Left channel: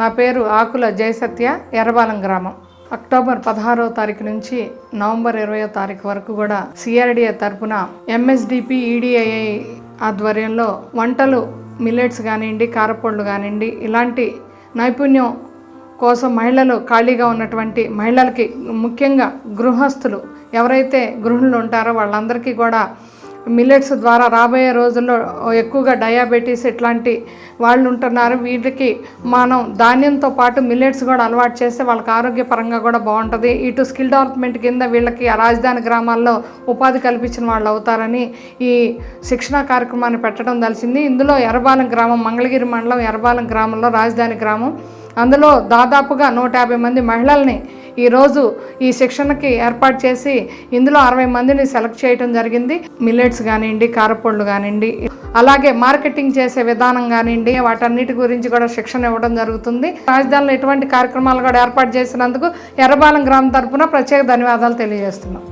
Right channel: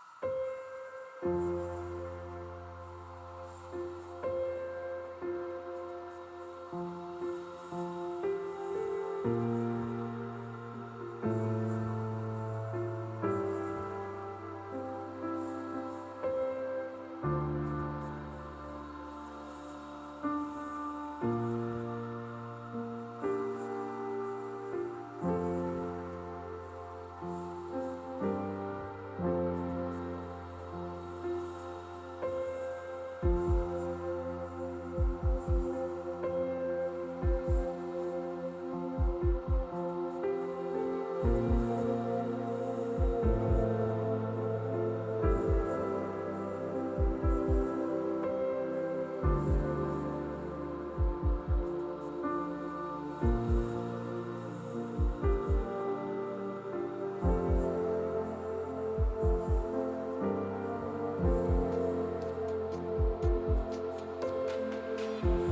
నా పేరు ఆకుల జయసత్య, ఎర్రబాలెం గ్రామం. అక్టోబర్ 16వ తారీఖు నుంచి నవంబర్ 20వ తారీఖు వరకు కూడా సిఆర్డిఏ తరఫున ఎంఎస్డిపి ఈడిఐఐ ఆధ్వర్యంలో వంటలు, మిల్లెట్స్ కానివ్వండి, కారపొళ్ళు కానివ్వండి, ఇలాంటి నైపుణ్యం కోసం మహిళలు, ఖాళీగా ఉన్నటువంటి మహిళలకి, ముఖ్యంగా గృహస్థులు ఎవరైతే గృహిణులు ఉంటారో వాళ్ళందరికీ కూడా మిల్లెట్స్ ద్వారా రాబోయే రోజుల్లో ఎక్కువగా డయాబెటీస్ ఇట్లాంటి వాళ్ళు ఉంటున్నారు. వీటికి మనం ధాన్యంతో పాటు మిల్లెట్స్ కూడా అలవాటు చేస్తే వాళ్ళకి ఆరోగ్యపరంగా కూడా బాగుంటుంది. ఇటు స్కిల్ డెవలప్మెంట్ కింద వీళ్ళకి ఆ రాజధాని గ్రామాల్లో ఉపాధి కల్పించిన వాళ్ళు అవుతారని ఈ శిక్షణా కార్యక్రమాన్ని పెట్టడం తెలిసింది. ఇందులో ఎర్రబాలెం గ్రామం, మంగళగిరి మండలం ఎర్రబాలెం గ్రామంలో రాజధాని గ్రామం, అందులో దాదాపుగా 150 మంది మహిళల్ని ఈరోజు ఈ శిక్షణకి ఏర్పాటు చేసి ఇందులో 60 మందిని సెలెక్ట్ చేయడం జరిగింది. మిల్లెట్స్ కానివ్వండి, కారపొళ్ళు కానివ్వండి, అలాగే మార్కెటింగ్ చేసే విధానం కానివ్వండి, వాటన్నిటి గురించి కూడా శిక్షణ ఇవ్వడం జరుగుతుంది. రాజధానిలో ఇటువంటి కార్యక్రమాలు కూడా ఏర్పాటు చేసినందుకు ఎర్రబాలెం గ్రామం తరఫున ప్రత్యేక ధన్యవాదాలు తెలియజేస్తున్నాం.